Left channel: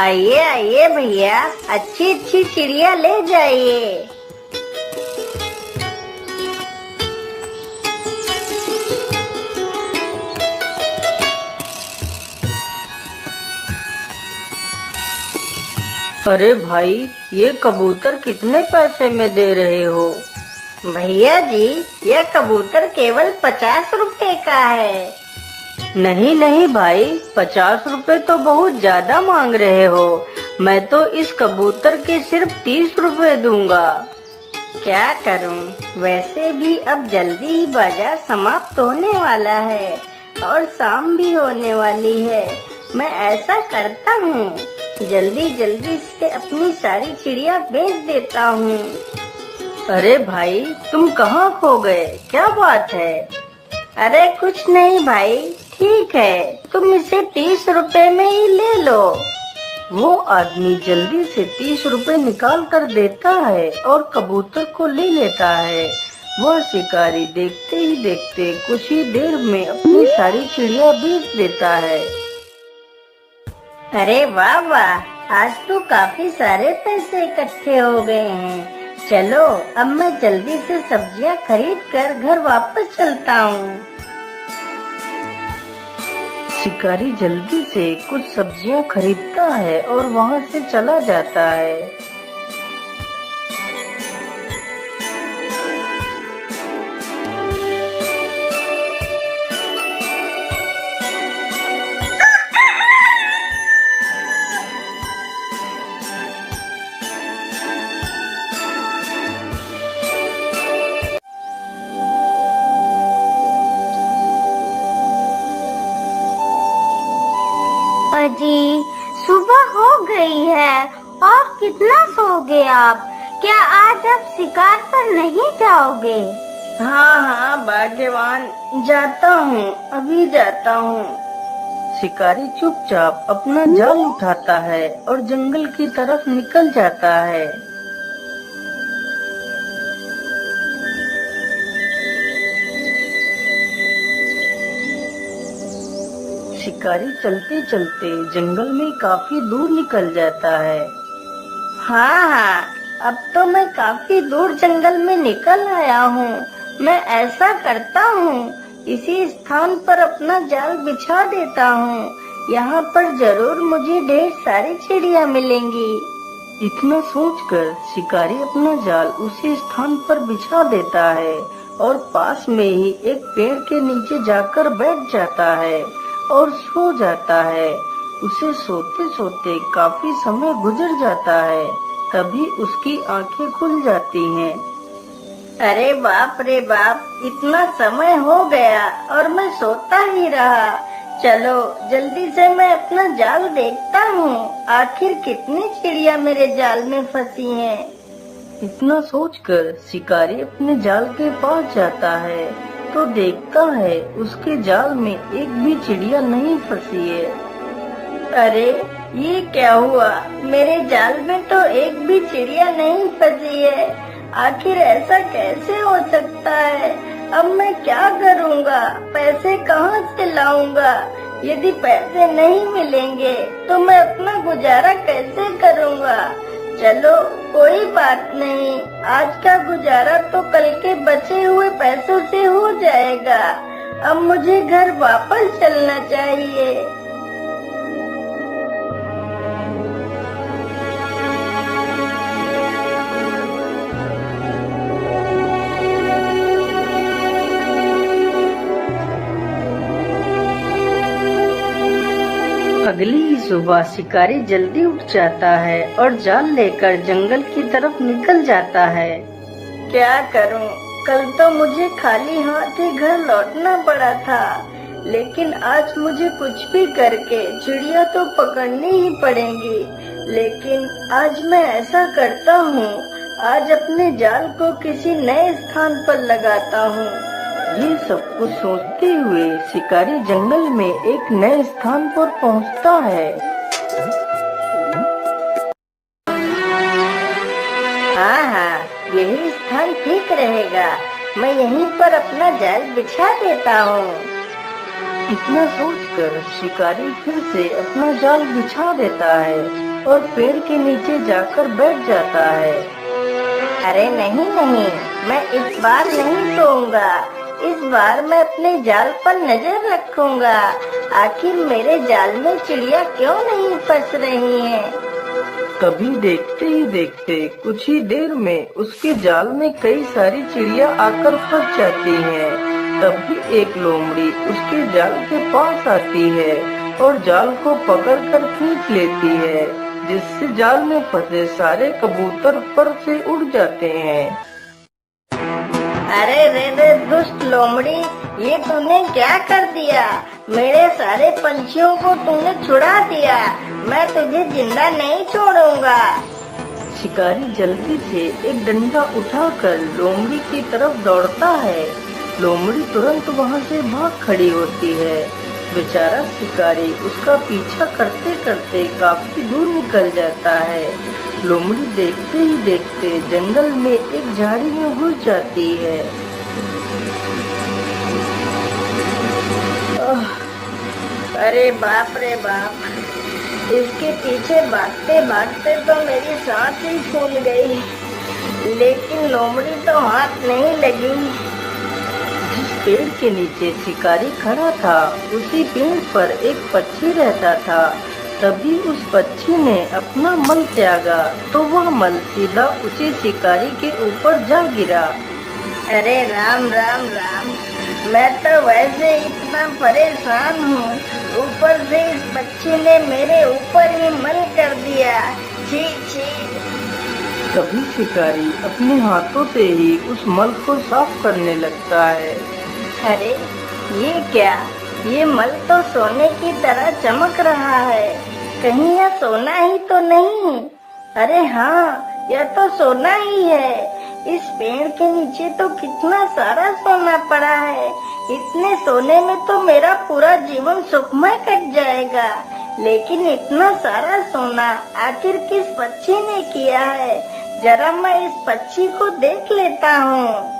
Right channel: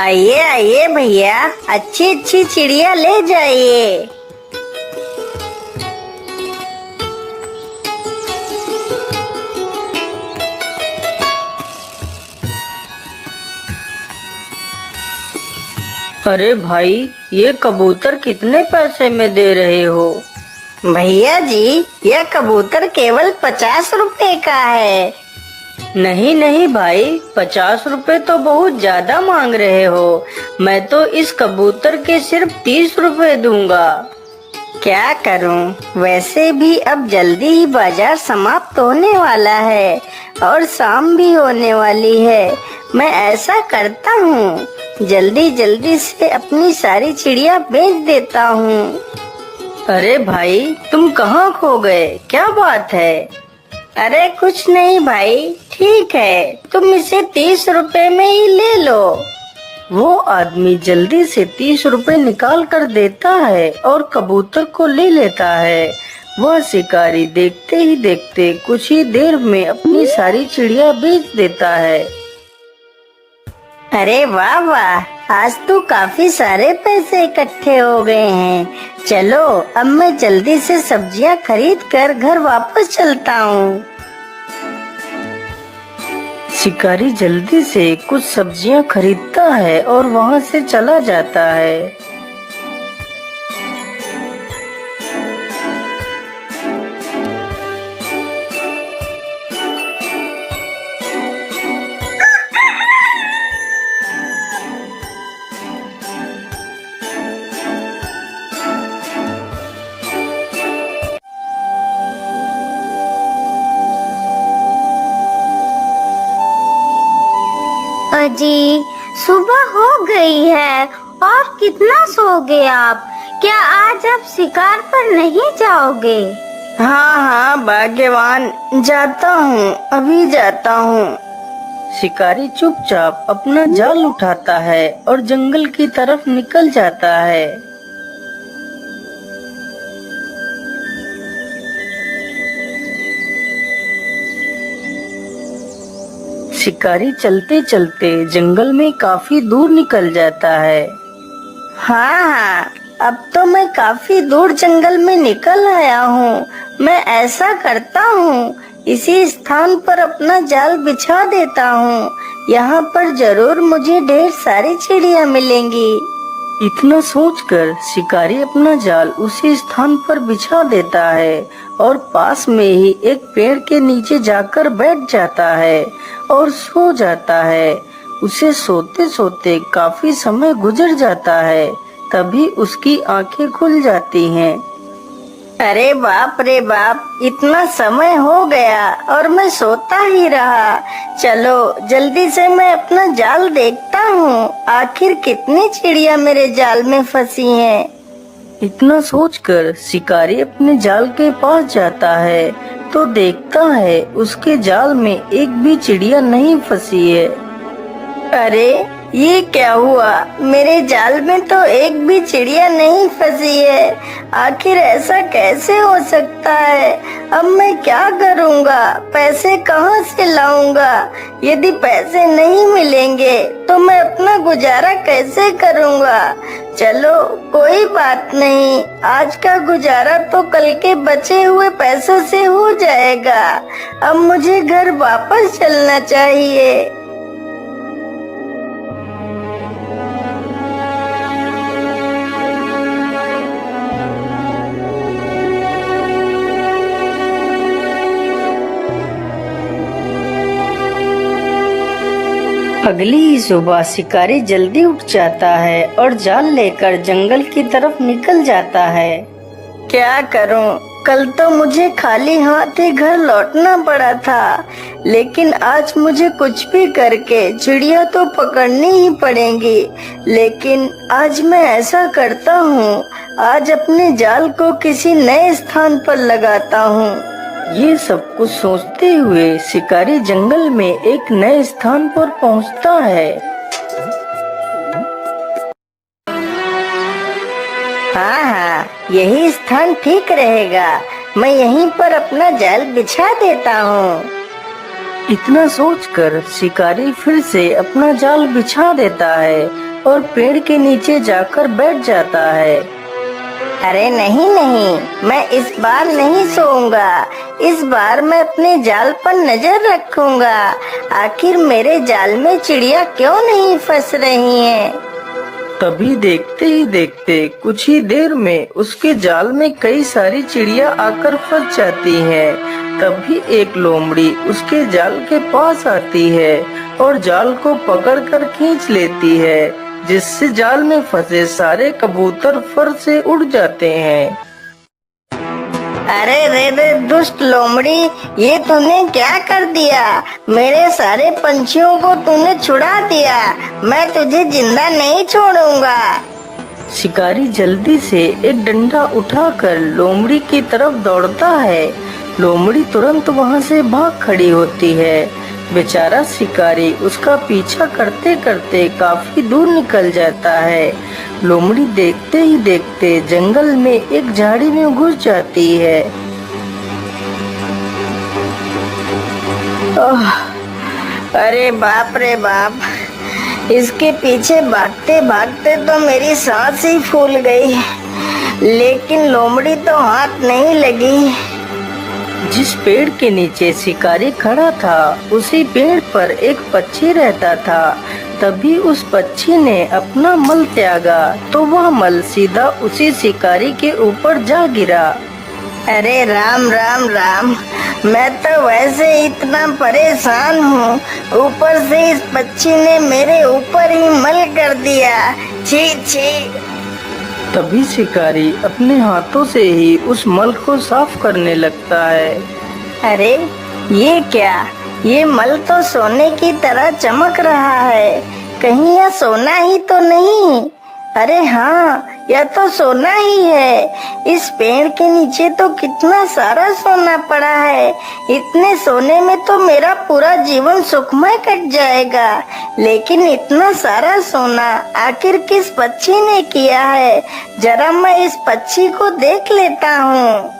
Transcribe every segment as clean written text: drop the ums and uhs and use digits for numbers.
आइए आइए भैया, अच्छी अच्छी चिड़िया ले जाइए। अरे भाई, ये कबूतर कितने पैसे में दे रहे हो? भैया जी, यह कबूतर केवल 50 रुपए का है। नहीं नहीं भाई, 50 रुपए तो बहुत ज्यादा मांग रहे हो। मैं तो इस कबूतर के सिर्फ 30 रुपए दूंगा। क्या करूं, वैसे भी अब जल्दी ही बाजार समाप्त होने वाला है और शाम भी होने वाली है। मैं ऐसा करता हूँ, जल्दी जल्दी से अपनी सारी चिड़िया बेच देता हूँ। अरे भाई, तुम कहाँ खो गए? क्या बात है? अरे कुछ नहीं भाई, ठीक है, तुम इसे 30 रुपए में ही ले लो। वो आदमी जल्दी से 30 रुपए निकाल कर देता है और कबूतर को ले लेता है। वह शिकारी देखते ही देखते कुछ ही देर में अपनी सारी चिड़िया बेच देता है। अरे वाह वाह, आज तो काफी सारे पैसे इकट्ठे हो गए हैं। चलो अब मैं जल्दी से सब्जियां खरीद कर घर वापस चलता हूँ। शिकारी जल्दी से कुछ सब्जियां खरीदता है और वहां से चला जाता है। अजी, सुबह हो गई है और कितना सोओगे आप? क्या आज आप शिकार पर नहीं जाओगे? हाँ हाँ भाग्यवान, जाता हूँ, अभी जाता हूँ। शिकारी चुपचाप अपना जाल उठाता है और जंगल की तरफ निकल जाता है। शिकारी चलते चलते जंगल में काफी दूर निकल जाता है। हाँ हाँ, अब तो मैं काफी दूर जंगल में निकल आया हूँ। मैं ऐसा करता हूँ, इसी स्थान पर अपना जाल बिछा देता हूँ। यहाँ पर जरूर मुझे ढेर सारी चिड़िया मिलेंगी। इतना सोचकर शिकारी अपना जाल उसी स्थान पर बिछा देता है और पास में ही एक पेड़ के नीचे जाकर बैठ जाता है और सो जाता है। उसे सोते सोते काफी समय गुजर जाता है, तभी उसकी आंखें खुल जाती हैं। अरे बाप रे बाप, इतना समय हो गया और मैं सोता ही रहा। चलो जल्दी से मैं अपना जाल देखता हूँ, आखिर कितनी चिड़िया मेरे जाल में फंसी हैं। इतना सोचकर शिकारी अपने जाल के पास जाता है तो देखता है उसके जाल में एक भी चिड़िया नहीं फंसी है। अरे ये क्या हुआ, मेरे जाल में तो एक भी चिड़िया नहीं फंसी है। आखिर ऐसा कैसे हो सकता है? अब मैं क्या करूँगा, पैसे कहाँ से लाऊंगा? यदि पैसे नहीं मिलेंगे तो मैं अपना गुजारा कैसे करूँगा? चलो कोई बात नहीं, आज का गुजारा तो कल के बचे हुए पैसों से हो जाएगा। अब मुझे घर वापस चलना चाहिए। अगली ही सुबह शिकारी जल्दी उठ जाता है और जाल लेकर जंगल की तरफ निकल जाता है। क्या करूं, कल तो मुझे खाली हाथ ही घर लौटना पड़ा था, लेकिन आज मुझे कुछ भी करके चिड़िया तो पकड़नी ही पड़ेगी। लेकिन आज मैं ऐसा करता हूँ, आज अपने जाल को किसी नए स्थान पर लगाता हूँ। ये सब कुछ सोचते हुए शिकारी जंगल में एक नए स्थान पर पहुंचता है। हाँ हाँ, यही स्थान ठीक रहेगा। मैं यहीं पर अपना जाल बिछा देता हूँ। इतना सोचकर शिकारी फिर से अपना जाल बिछा देता है और पेड़ के नीचे जाकर बैठ जाता है। अरे नहीं नहीं, मैं इस बार नहीं सोऊंगा। इस बार मैं अपने जाल पर नजर रखूंगा। आखिर मेरे जाल में चिड़िया क्यों नहीं फंस रही हैं? तभी देखते ही देखते कुछ ही देर में उसके जाल में कई सारी चिड़िया आकर फंस जाती हैं। तभी एक लोमड़ी उसके जाल के पास आती है और जाल को पकड़कर खींच लेती है, जिससे जाल में फंसे सारे कबूतर फर से उड़ जाते हैं। अरे रे रे दुष्ट लोमड़ी, ये तूने क्या कर दिया? मेरे सारे पंछियों को तूने छुड़ा दिया। मैं तुझे जिंदा नहीं छोड़ूंगा। शिकारी जल्दी से एक डंडा उठाकर लोमड़ी की तरफ दौड़ता है। लोमड़ी तुरंत वहां से भाग खड़ी होती है। बेचारा शिकारी उसका पीछा करते करते काफी दूर निकल जाता है। लोमड़ी देखते ही देखते जंगल में एक झाड़ी में घुस जाती है। अरे बाप रे बाप, इसके पीछे भागते भागते तो मेरी सांस ही फूल गई, लेकिन लोमड़ी तो हाथ नहीं लगी। जिस पेड़ के नीचे शिकारी खड़ा था उसी पेड़ पर एक पक्षी रहता था। तभी उस पक्षी ने अपना मल त्यागा तो वह मल सीधा उसी शिकारी के ऊपर जा गिरा। अरे राम राम राम, मैं तो वैसे इतना परेशान हूँ, ऊपर से इस पक्षी ने मेरे ऊपर ही मल कर दिया। छी छी। तभी शिकारी अपने हाथों से ही उस मल को साफ करने लगता है। अरे ये क्या? ये मल तो सोने की तरह चमक रहा है। कहीं यह सोना ही तो नहीं? अरे हाँ, यह तो सोना ही है। इस पेड़ के नीचे तो कितना सारा सोना पड़ा है। इतने सोने में तो मेरा पूरा जीवन सुखमय कट जाएगा। लेकिन इतना सारा सोना आखिर किस पक्षी ने किया है? जरा मैं इस पक्षी को देख लेता हूँ।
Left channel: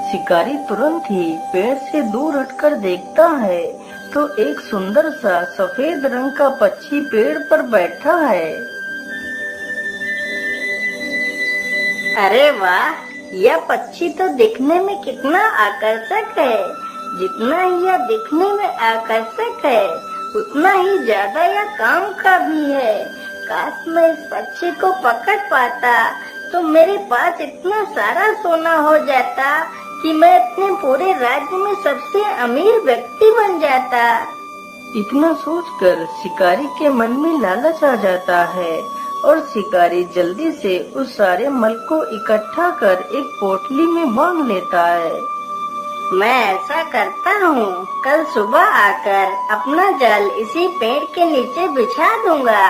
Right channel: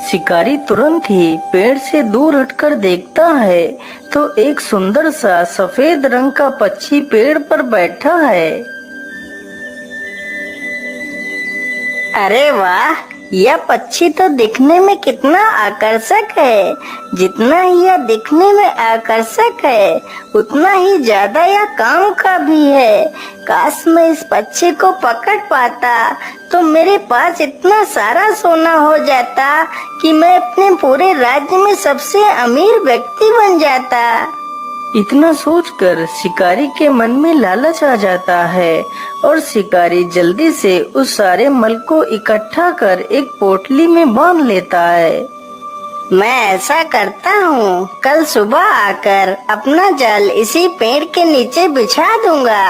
शिकारी तुरंत ही पेड़ से दूर हटकर देखता है तो एक सुंदर सा सफेद रंग का पक्षी पेड़ पर बैठा है। अरे वाह, यह पक्षी तो दिखने में कितना आकर्षक है। जितना ही यह दिखने में आकर्षक है, उतना ही ज्यादा यह काम का भी है। काश मैं इस पक्षी को पकड़ पाता तो मेरे पास इतना सारा सोना हो जाता कि मैं अपने पूरे राज्य में सबसे अमीर व्यक्ति बन जाता। इतना सोचकर शिकारी के मन में लालच आ जाता है और शिकारी जल्दी से उस सारे मल को इकट्ठा कर एक पोटली में बांध लेता है। मैं ऐसा करता हूँ, कल सुबह आकर अपना जाल इसी पेड़ के नीचे बिछा दूंगा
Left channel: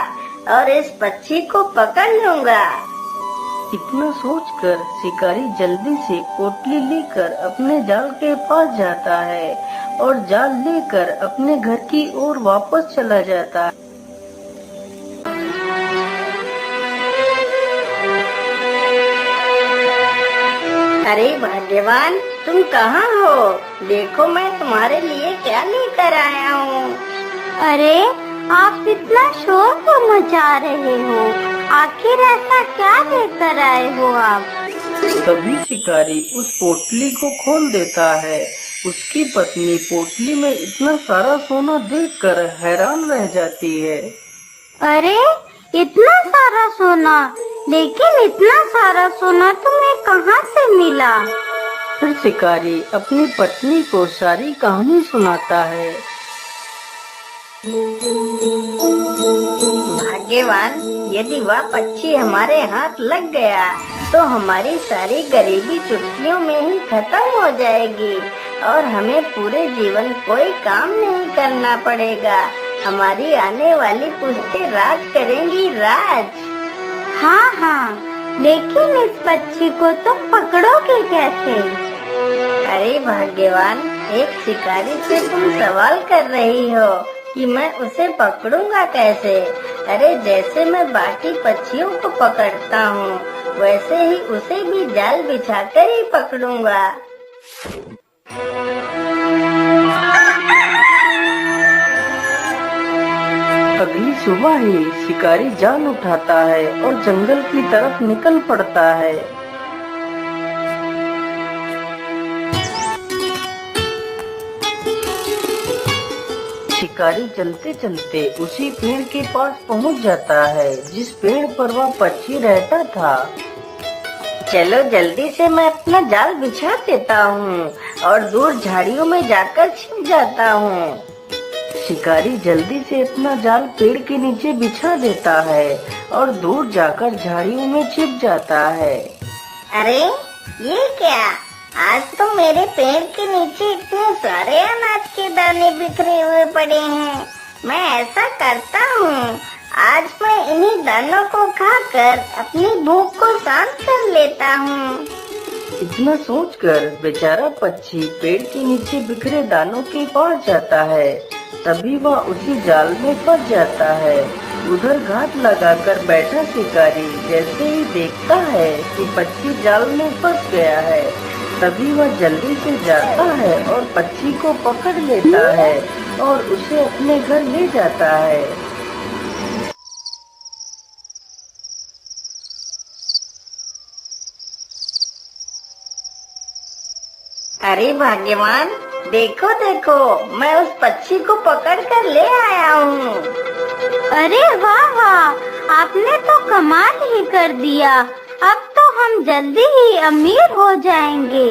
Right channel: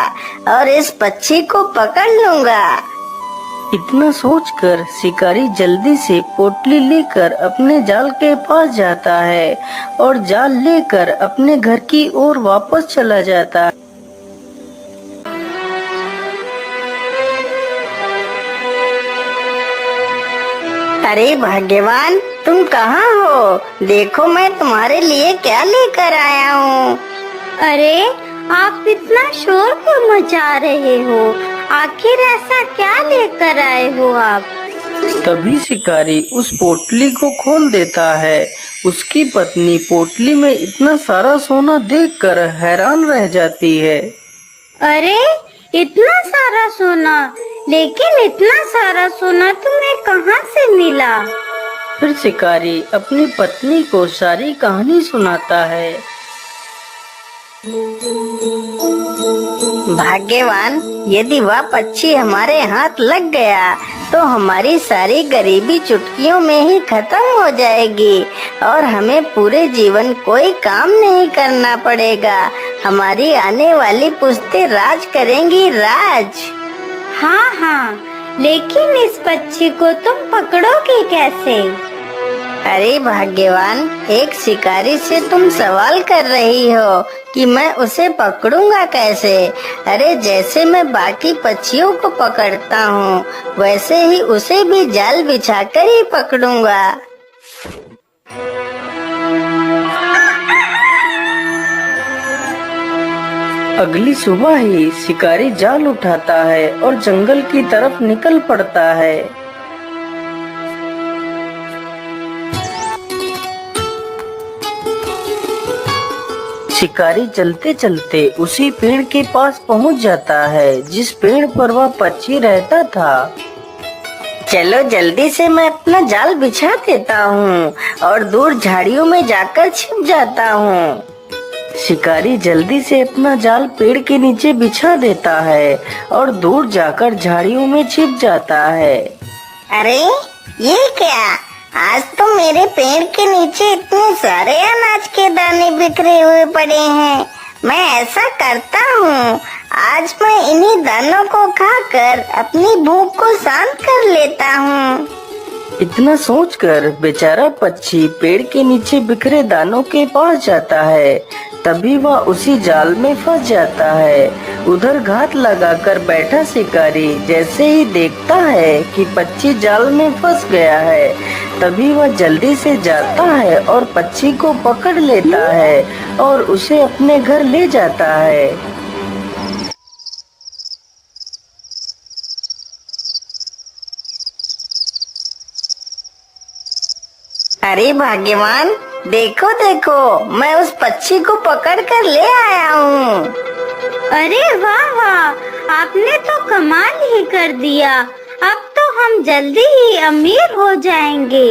और इस पक्षी को पकड़ लूंगा। इतना सोचकर शिकारी जल्दी से पोटली लेकर अपने जाल के पास जाता है और जाल लेकर अपने घर की ओर वापस चला जाता है। अरे भाग्यवान, तुम कहाँ हो? देखो मैं तुम्हारे लिए क्या लेकर आया हूँ। अरे आप इतना शोर क्यों मचा रहे हो? आखिर ऐसा क्या लेकर आए हो आप? तभी शिकारी उस पोटली को खोल देता है। उसकी पत्नी पोटली में इतना सारा सोना देखकर हैरान रह जाती है। अरे इतना सारा सोना, लेकिन इतना सारा सोना तुम्हें कहाँ से मिला? फिर शिकारी अपनी पत्नी को सारी कहानी सुनाता है। भाग्यवान, यदि वह पक्षी हमारे हाथ लग गया तो हमारी सारी गरीबी चुटकियों में ही खत्म हो जाएगी और हमें पूरे जीवन कोई काम नहीं करना पड़ेगा। हमारी आने वाली पुश्तें राज करेंगी, राज। हाँ हाँ, लेकिन इस पक्षी को तुम पकड़ोगे कैसे? अरे भाग्यवान, एक शिकारी से तुम सवाल कर रही हो कि मैं उसे पकड़ूंगा कैसे? अरे जैसे मैं बाकी पक्षियों को पकड़ता हूँ, वैसे ही उसे भी जाल बिछाकर ही पकड़ूंगा। अगली सुबह ही शिकारी जाल उठाता है और जंगल की तरफ निकल पड़ता है। शिकारी चलते चलते उसी पेड़ के पास पहुंच जाता है जिस पेड़ पर वह पक्षी रहता था। चलो जल्दी से मैं अपना जाल बिछा देता हूँ और दूर झाड़ियों में जाकर छिप जाता हूँ। शिकारी जल्दी से अपना जाल पेड़ के नीचे बिछा देता है और दूर जाकर झाड़ियों में छिप जाता है। अरे ये क्या, आज तो मेरे पेड़ के नीचे इतने सारे अनाज के दाने बिखरे हुए पड़े हैं। मैं ऐसा करता हूँ, आज मैं इन्हीं दानों को खाकर अपनी भूख को शांत कर लेता हूँ। इतना सोचकर बेचारा पक्षी पेड़ के नीचे बिखरे दानों के पास जाता है। तभी वह उसी जाल में फंस जाता है। उधर घात लगाकर बैठा शिकारी जैसे ही देखता है कि पक्षी जाल में फंस गया है, तभी वह जल्दी से जाता है और पक्षी को पकड़ लेता है और उसे अपने घर ले जाता है। अरे भाग्यवान, देखो देखो, मैं उस पक्षी को पकड़ कर ले आया हूँ। अरे वाह वाह, आपने तो कमाल ही कर दिया। अब तो हम जल्दी ही अमीर हो जाएंगे।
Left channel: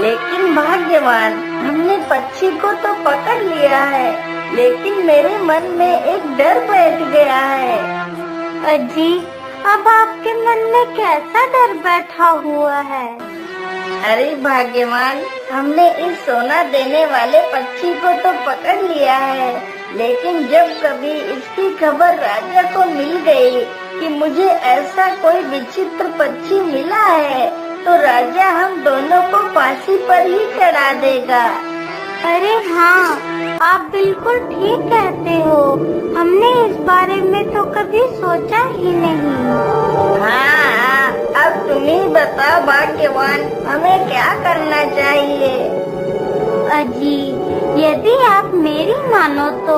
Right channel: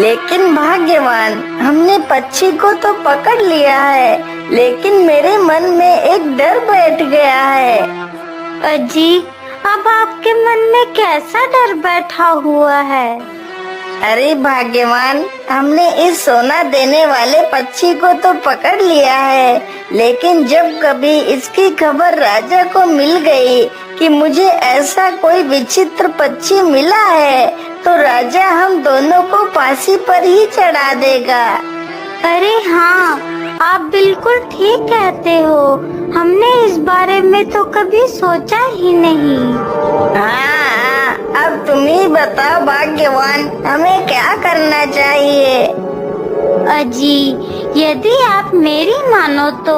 लेकिन भाग्यवान, हमने पक्षी को तो पकड़ लिया है, लेकिन मेरे मन में एक डर बैठ गया है। अजी, अब आपके मन में कैसा डर बैठा हुआ है? अरे भाग्यवान, हमने इस सोना देने वाले पक्षी को तो पकड़ लिया है, लेकिन जब कभी इसकी खबर राजा को मिल गई कि मुझे ऐसा कोई विचित्र पक्षी मिला है, तो राजा हम दोनों को फांसी पर ही चढ़ा देगा। अरे हाँ, आप बिल्कुल ठीक कहते हो। हमने इस बारे में तो कभी सोचा ही नहीं। हाँ, अब तुम ही बताओ भाग्यवान, हमें क्या करना चाहिए? अजी, यदि आप मेरी मानो तो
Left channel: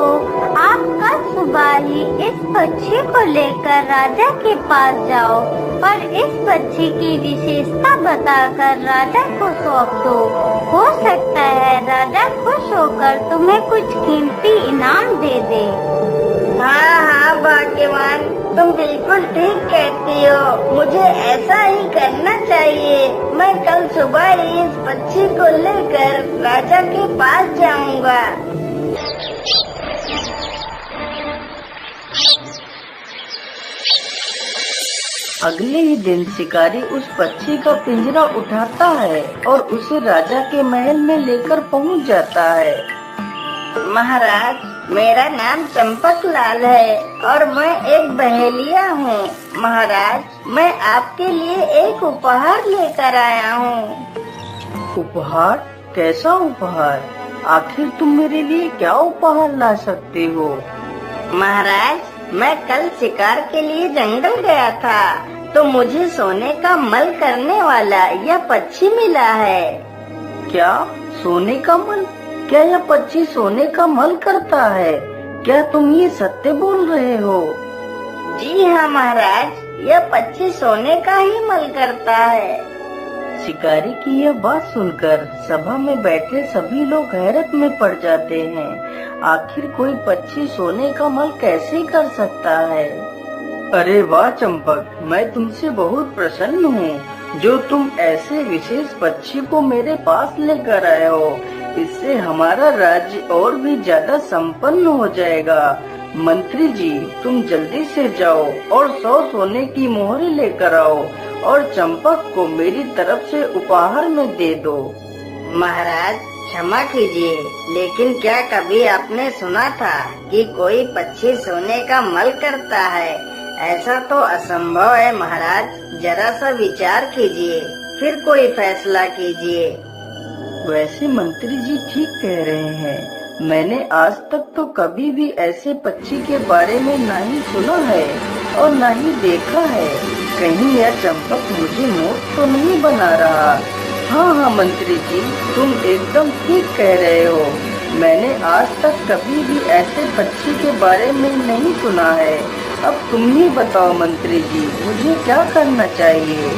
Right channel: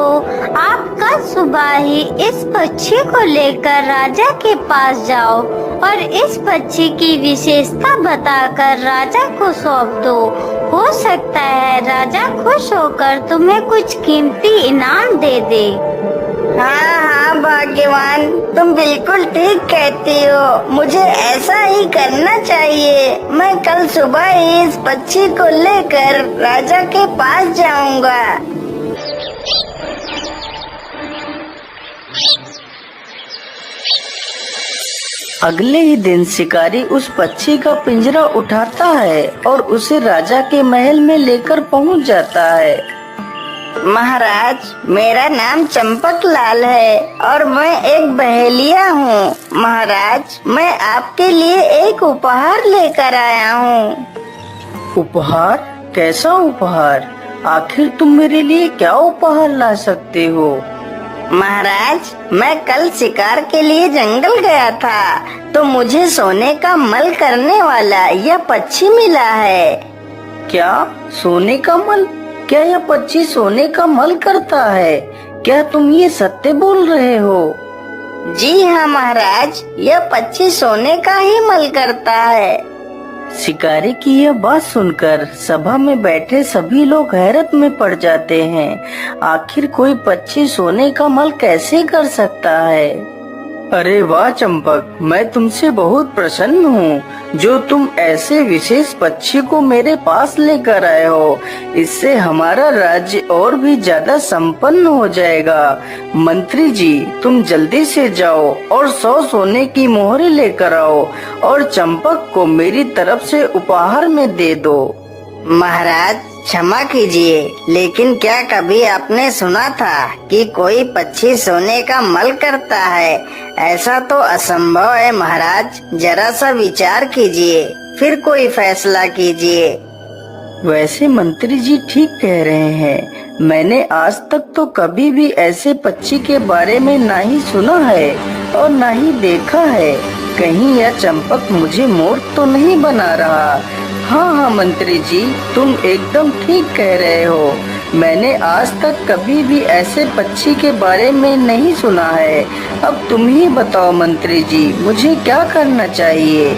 आप कल सुबह ही इस पक्षी को लेकर राजा के पास जाओ और इस पक्षी की विशेषता बताकर राजा को सौंप दो। हो सकता है राजा खुश होकर तुम्हें कुछ कीमती इनाम दे दे। हाँ हाँ भाग्यवान, तुम बिल्कुल ठीक कहती हो। मुझे ऐसा ही करना चाहिए। मैं कल सुबह ही इस पक्षी को लेकर राजा के पास जाऊंगा। अगले ही दिन शिकारी उस पक्षी का पिंजरा उठाता है और उसे राजा के महल में लेकर पहुंच जाता है। महाराज, मेरा नाम चंपक लाल है और मैं एक बहेलिया हूँ। महाराज, मैं आपके लिए एक उपहार लेकर आया हूँ। उपहार? कैसा उपहार? आखिर तुम मेरे लिए क्या उपहार ला सकते हो? महाराज, मैं कल शिकार के लिए जंगल गया था, तो मुझे सोने का मल करने वाला यह पक्षी मिला है। क्या? सोने का मल? क्या यह पक्षी सोने का मल करता है? क्या तुम ये सत्य बोल रहे हो? जी हाँ महाराज, यह पक्षी सोने का ही मल करता है। शिकारी की यह बात सुनकर सभा में बैठे सभी लोग हैरत में पड़ जाते हैं। आखिर कोई पक्षी सोने का मल कैसे कर सकता है? अरे वाह चंपक, मैं तुमसे बहुत प्रसन्न हूँ जो तुम ऐसे विशेष पक्षी को मेरे पास लेकर आए हो। इससे हमारा राज्य और भी ज्यादा संपन्न हो जाएगा। मंत्री जी, तुम जल्दी से जाओ और 100 सोने की मोहरें लेकर आओ और चंपक को मेरी तरफ से उपहार में दे दो। महाराज, क्षमा कीजिए, लेकिन क्या कभी आपने सुना था कि कोई पक्षी सोने का मल करता है? ऐसा तो असंभव है महाराज। जरा सा विचार कीजिए, फिर कोई फैसला कीजिए। वैसे मंत्री जी ठीक कह रहे हैं। मैंने आज तक तो कभी भी ऐसे पक्षी के बारे में ना ही सुना है और ना ही देखा है। कहीं यह चंपक मुझे मूर्ख तो नहीं बना रहा? हाँ हाँ मंत्री जी, तुम एकदम ठीक कह रहे हो। मैंने आज तक कभी भी ऐसे पक्षी के बारे में नहीं सुना है। अब तुम ही बताओ मंत्री जी, मुझे क्या करना चाहिए?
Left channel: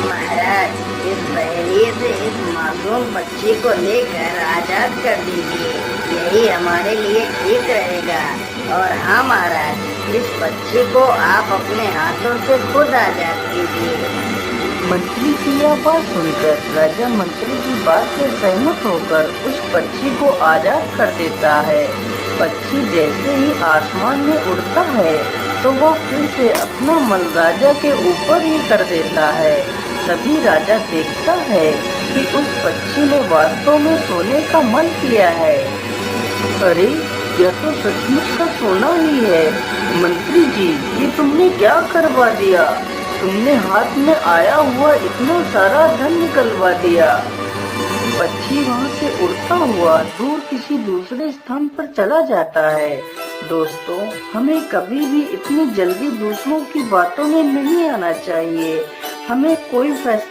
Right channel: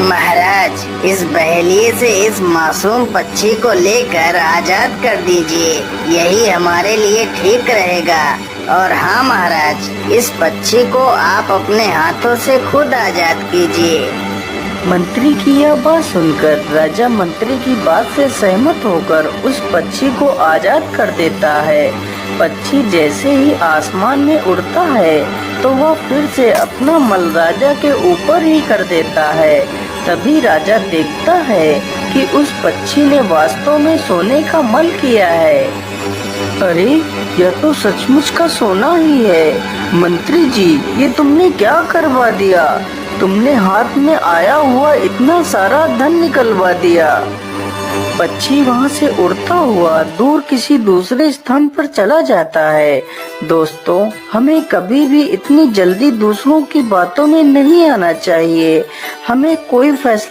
महाराज, इस बहेलिए से इस मासूम पक्षी को लेकर आजाद कर दीजिए, यही हमारे लिए ठीक रहेगा। और हाँ महाराज, इस पक्षी को आप अपने हाथों से खुद आजाद कीजिए। मंत्री की यह बात सुनकर राजा मंत्री की बात से सहमत होकर उस पक्षी को आजाद कर देता है। पक्षी जैसे ही आसमान में उड़ता है तो वो फिर से अपना मल राजा के ऊपर ही कर देता है। तभी राजा देखता है कि उस पक्षी ने वास्तव में सोने का मल किया है। अरे, यह तो सचमुच का सोना ही है। मंत्री जी, ये तुमने क्या करवा दिया? तुमने हाथ में आया हुआ इतना सारा धन निकलवा दिया। पक्षी वहाँ से उड़ता हुआ दूर किसी दूसरे स्थान पर चला जाता है। दोस्तों, हमें कभी भी इतनी जल्दी दूसरों की बातों में नहीं आना चाहिए। हमें कोई फैसला